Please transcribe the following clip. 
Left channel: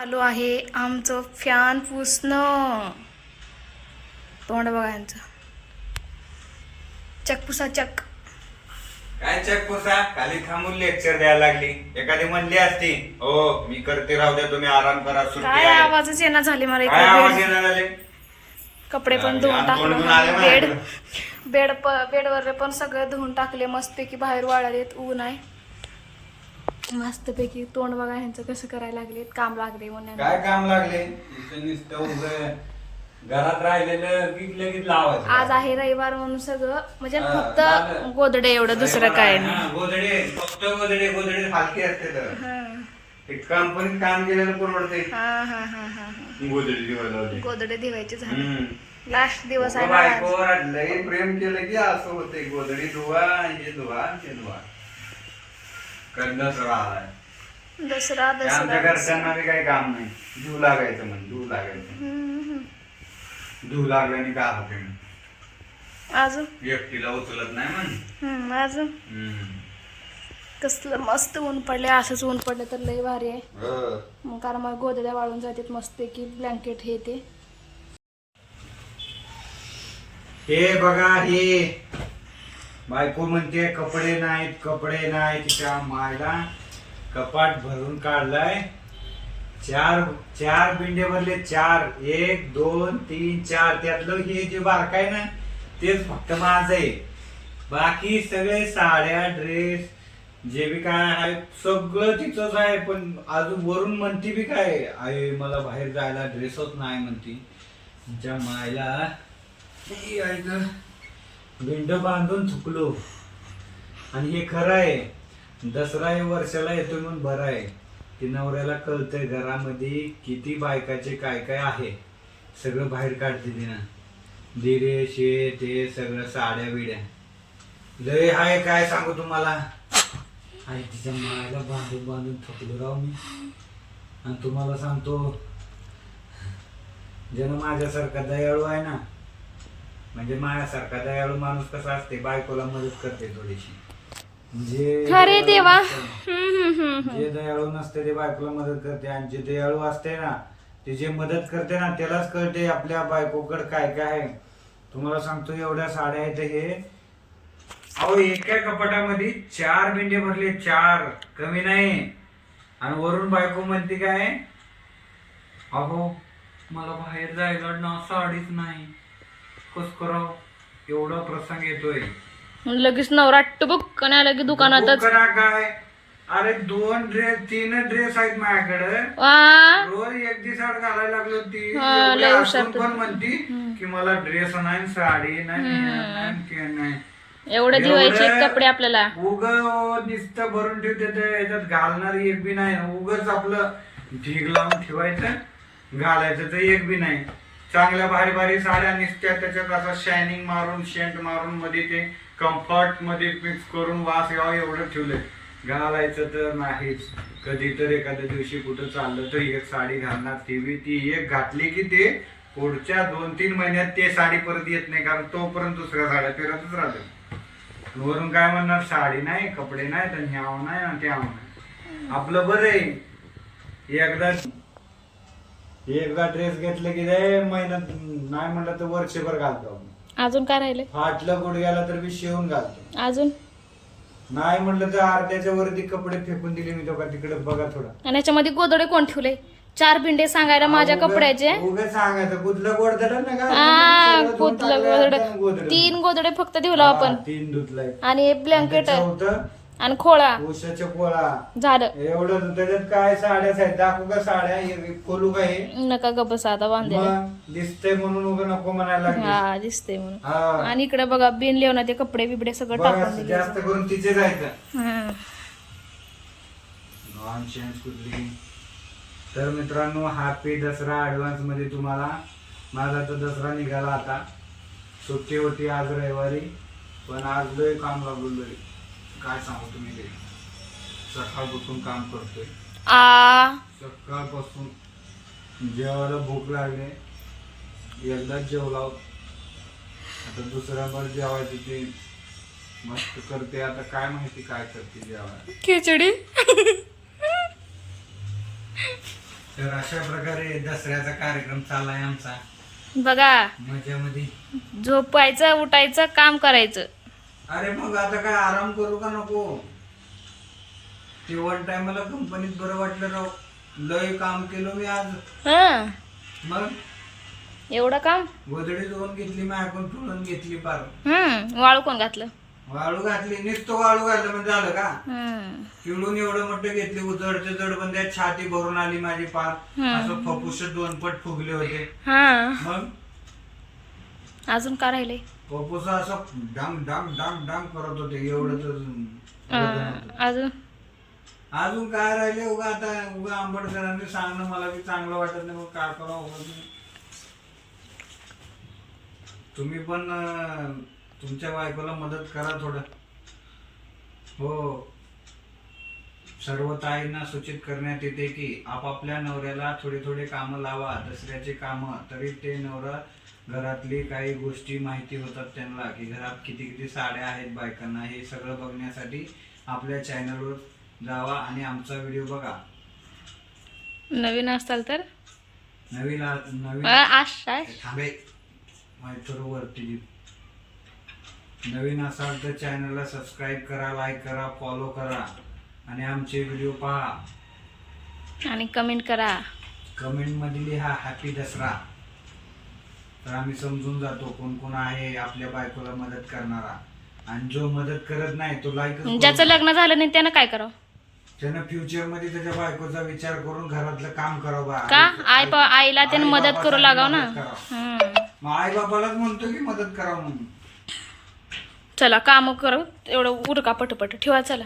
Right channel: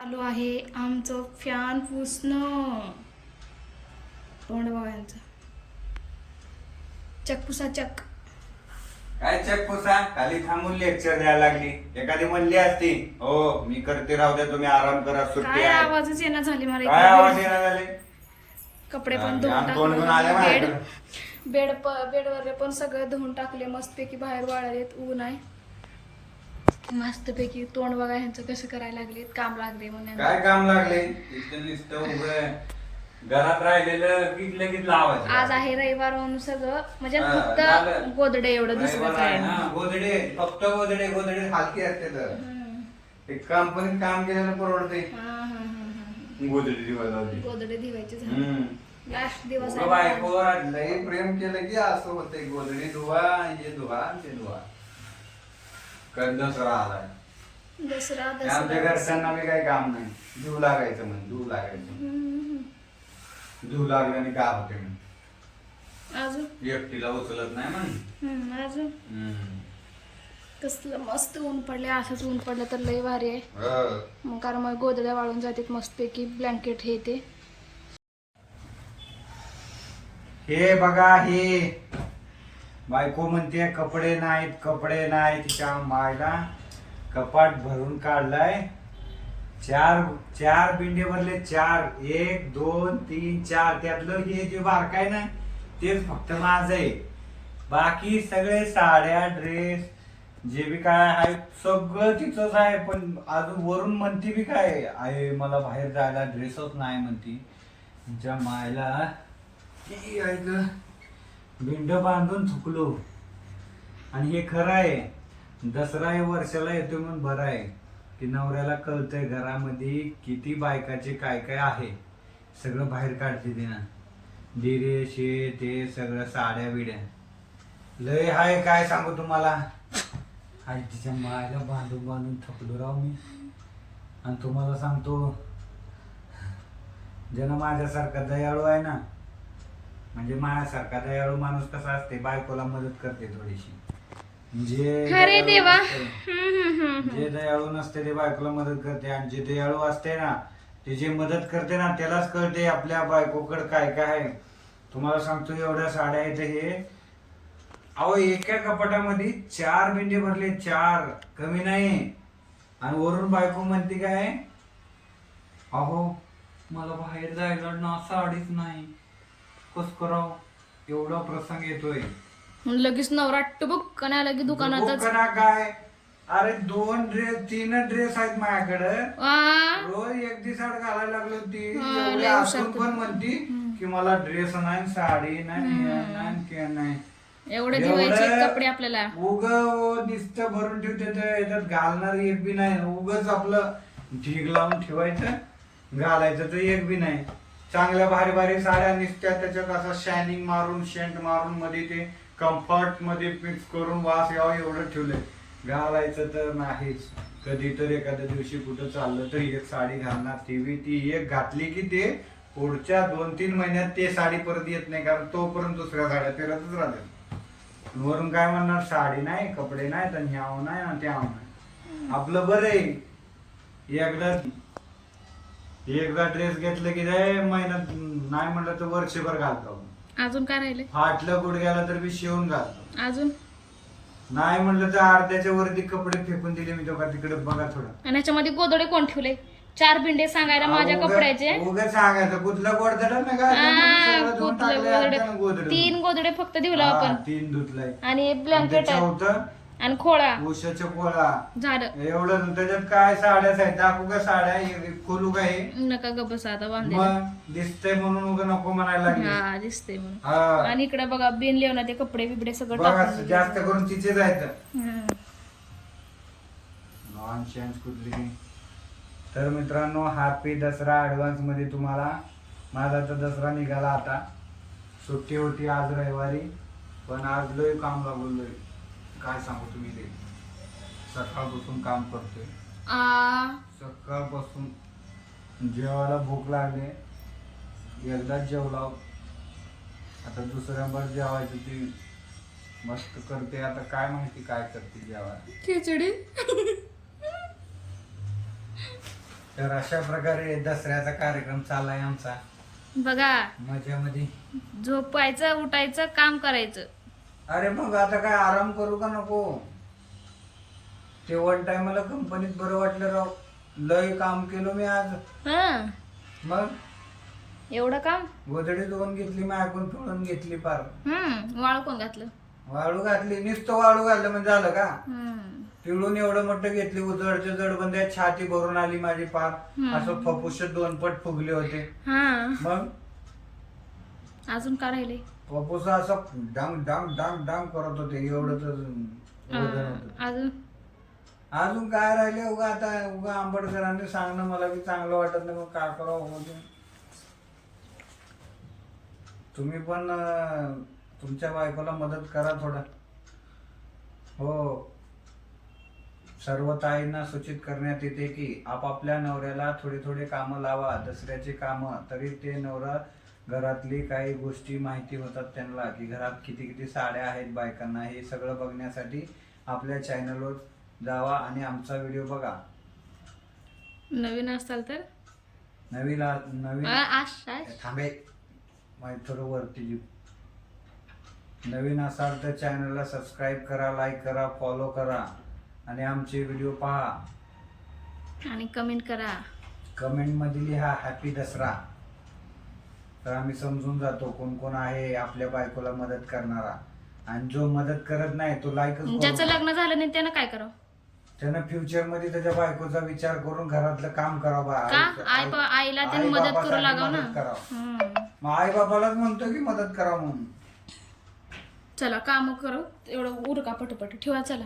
चालू आहे आमचं फॅन पुसणं. तोंड बघा यांचं. चक पुसा चक. काय चेक पोसा? खाली थांबून लेक्चर द्यायला लागली. एखादी म्हणली असती हो मी करते राहू द्या तुम्ही आराम करा सुट्टी काय आहे. आवाजच येणार झाले मला काय आवाज इकडे येणार झाले? कपडे पण धुवून आले टाकलं. बेड. बेड प- बेडवर पण सगळं धुवून टाकले. मस्तपैकी बाहेर वाळालेत ऊन आहे. मस्तपैकी तोंड बघा ह्यांचं कसं करायला लागलेत काम लागले म्हणून. काय काम लागले? इथं नुसतं उभं घरात राहिलेलं की लगेच लावायचं. आज आहे रविवार म्हणून सगळं. म्हणजे हा, फक्त झालं. गोदडे एवढं दुसरं काय हा, नाही. गोधडे फक्त गोधडे गोधडे हलके असते तर. हं. एक कंपनीत काम केल्यानं परवडते. हा हा हा हा हा. गोधडी गोदडे धुवायचे झाले. लास्ट दिवस आहे ना आज. बायकोवर लई प्रेम केलं की असं होते गोधडी धुवा हे धुवा ते धुवा. आलाय. दसरा आमच्या दसरा. घरच्यांना बी काही काम नाही. धुव लागायचं म्हण धुव लागायचं. हम्म, हम्म. धुव लागल्याने का होते म्हण. अजून? एकटीला उचलत नाही म्हण. हम्म, अजून? हम्म. कसलं मस्त ऊन पडले असंच ऊन पडलं तर लय भारी आहे. हो. मग कारण मग गोदड्या वाळून जातात मस्तपैकी ब्लँकेट हे ते. हे बघा हे. बायको म्हणते कपडे नाहीत कपडे नाहीत तिच्या मायला कपाट भरून काढलाय. चार चार बिंडे भरले चार एक दोन तीन चार. त्यातलं हे जे बारक आहे ना तेच फक्त माझं आहे. बाकी सगळे साड्या ड्रेस जे बी काय आहे सगळं तिचंच आहे. पण अजून वरून म्हणती बी काय आहे मला बाहेर जायला ड्रेसच नाही म्हणती. तिच्या मायला ई, भिंड बांधून चुकलो आणि हे खरं आहे दसरा हे वर्षाला येतो म्हणून बरं आहे. की नवऱ्याला कळतंय घरामध्ये किती बायकाचे काय काय आहे. सगळं बाहेर काढते तिनं दिरे शे ते सगळं साड्या बिड्या. लय हाय काय सांगू तुम्हाला? आणि तिच्या मायाला बांधून बांधून थकलो राव मी. आणि तुम्हाला सांगतो ज्यानं माझ्यासारखा दयाळू आहे ना म्हणजे माझ्यासारखा दयाळू माणूस कसा असते बायकोला मदत करते थोडीशी. जे अरे दयाळू देवा. जे दयाळू नसते ते बायकोला मदत करते. आणि जे दयाळू असते ना ते जे मदत करते ना त्यालाच कळते आपल्या बायकोकडे काय काय आहे. तुम्हाला सांगतो एवढ्या साड्या आहेत हे. अहो एका कपाटामध्ये चार बिंडे भरले. चार. कमी नाही. आणि वरून बायको म्हणते काय अहो मला बाहेर जायला ना साडीच नाही. कस कराव एवढा प्रसंग येतोय. लगेच नवरा टुबुक आणि आला की दुकानातच. करा काय. अरे दोन ड्रेस तीन ड्रेस आहेत माझ्याकडे. वा. रोज एक दिवसाड घालायला लागलो ती हा, एवढी लय हुशार हसून तू. पण म्हणती की मला ड्रेस नाही साडी नाही हे नाही ते नाही. एवढे एवढं- कपडे आपल्याला. उग नुसतं भरून ठेवते ते याच्यात घालणारी एक बी नाही. उगच आपलं ढीग लावून ठेवायचं घालायचं तर एक बी नाही. चांगल्या भारी भारी साड्या निसत्या त्याच्यात असं शायनिंग मारून शेंट मारून मध्ये ते कम्फर्टमध्ये मिक्स करून वास यावा एवढं ठेवलंय. घालायचं तर नाहीच. कधी तर एखाद्या दिवशी कुठं चाललं तर एक साडी घालणार. ती बी ती एक घातली की ते पुढच्या दोन तीन महिन्यात ते साडी परत येत नाही कारण तोपर्यंत दुसऱ्या साड्या फिरतच राहते वरून काय म्हणणार? साडी नाही कपडे नाही तर आव नाही आणि त्याव नाही. आपलं बरं आहे. एकदा एकदा ड्रेस घेतलं की ते महिन्यात नाही म्हणलं तर वर्षभर घालतो. आपण. अजून काय राहिले फाटलं गुडघ्याला तर मी शिवून घालतो. अजून? नाही म्हणलं तर अर्ध्याच्या वरती कपडे फेकून दिले मी तो का तिकडे बघा थोडं. आणि याच्यामध्ये गोदडे कोण ठेवले? चार भिंडे सांगायला माझ्या उगा- कपड्याचे. उगा सांगायचं कुठला गोडधड ना का? आ, सगळं धुवून गोदडे टाकलं गोदडे. अर्ध्यानं गोदडं. तीन गोदडे फक्त ठेवलं हा, आपण. तीन धुतलाय. आणि ब्लँकेट आहे. होतं आणि खोळा. उशाच्या पोळा झालं एवढं त्याच्यात काय साड्याच आहेत दाखवू का साड्या? हे खोलू का हे? नका गबस आता बांधले मग दिसतंय म्हणून उगा नको म्हणायला लागले. हा दिसते म्हणून. हा. आणि इकडे बघा बिन लिहून ते कपडे बिबडे सगळं बघा टाकून दिले. जास्त करून तिचेच आहेत. हम्म. नॉनसेन्स कुठली? तर मित्रांनो हॅपी दसरा ऍडव्हान्समध्ये तुम्हाला माझा तर दसरा निघाला आता. सुट्टी होती आज रविवारी पण आज लय काम लागलोय काय सांगू तुम्ही ते? सकाळपासून काम करतोय. आ. सकाळपासून जेवायला भूक लागली. एकदाच जेवला. आता दुसऱ्या नंबर जेवायची ती मस्त करते. आता काय माहिती काय करते जेवायला. खिचडी. तर अशा प्रकारे दसऱ्याचा कार्यक्रम चाललाय आमचा. बघा. मजामध्ये. झोपायचं उठायचं काम करायचं. अरे मग आता काय आराम करू का नको? ते वन टाइमला कंपनीत बरं वाटलं राव. लय काम केलं मी आज. हं. मग? एवढं काम? गोदडी धुवून घेतली माझ्याकडून पिळून घेतली पार. हम्म वाळू कोण घातलं? वाळू घातली नुसतं वाळू घातलं म्हणजे झालं का? हम्म. पिळून एवढं मोठं घेतली उजडचे जडबंद्या छाती भरून आली माझी पार. असं फपुष दोन पट फुगले होते. हा. मग? अजून का राहिले? पपुस असं डांग डांग डांग डांग करत होते. एवढं तर वजन होतं. अजून? अजून काय राहिले? उगा आता उगा आंबेडकरांनी सांगणं मला बी चांगलं वाटत नाही. मग काय करावं उगा ते. तुम्ही पण अं, तुमच्या बायकोला मदत करा थोडं. हो. सर्व ताईंना सूचित करण्यात येते की आपापल्या नवऱ्याला थोडे थोडे कामं लावा. दसऱ्याची कामं तरी ते नवरा घरातली काही गोष्टी माहिती होतात त्यांना की घरात किती किती साड्या आहेत बायकांना हे सगळं बघण्यासाठी आपल्या चॅनलवर जावा आणि आमचा व्हिडिओ बघा. नवीन असताल तर? नवीन नवीन थांबे थोडं वरती देऊ. नवीन असाल तर चॅनलला सबस्क्राईब करा लाईक करा फॉलो करा आणि आमचे व्हिडिओ पहा. आणि कमेंट करा. कमेंटमध्ये लिहा हॅपी दसरा. तर आम्ही समजून जातो कोण कोण आहे आपल्या बायकोला मदत करणारा. आणि जो मदत करत नाही तो लाईक ज्याचं लग्न झालं नाही त्यानं काय करावं? त्यानं फ्युचरमध्ये त्याच्या बायकोचा विचार करून घरातलं काम करावं का? आई बा आईला त्यानं मदत करू लागाव ना? मदत करावं. हम्म. मग आई बाबालाच म्हणतो की मदत करा म्हणून. चला काम करू. एवढं उरका पटपट. ठेवा चला.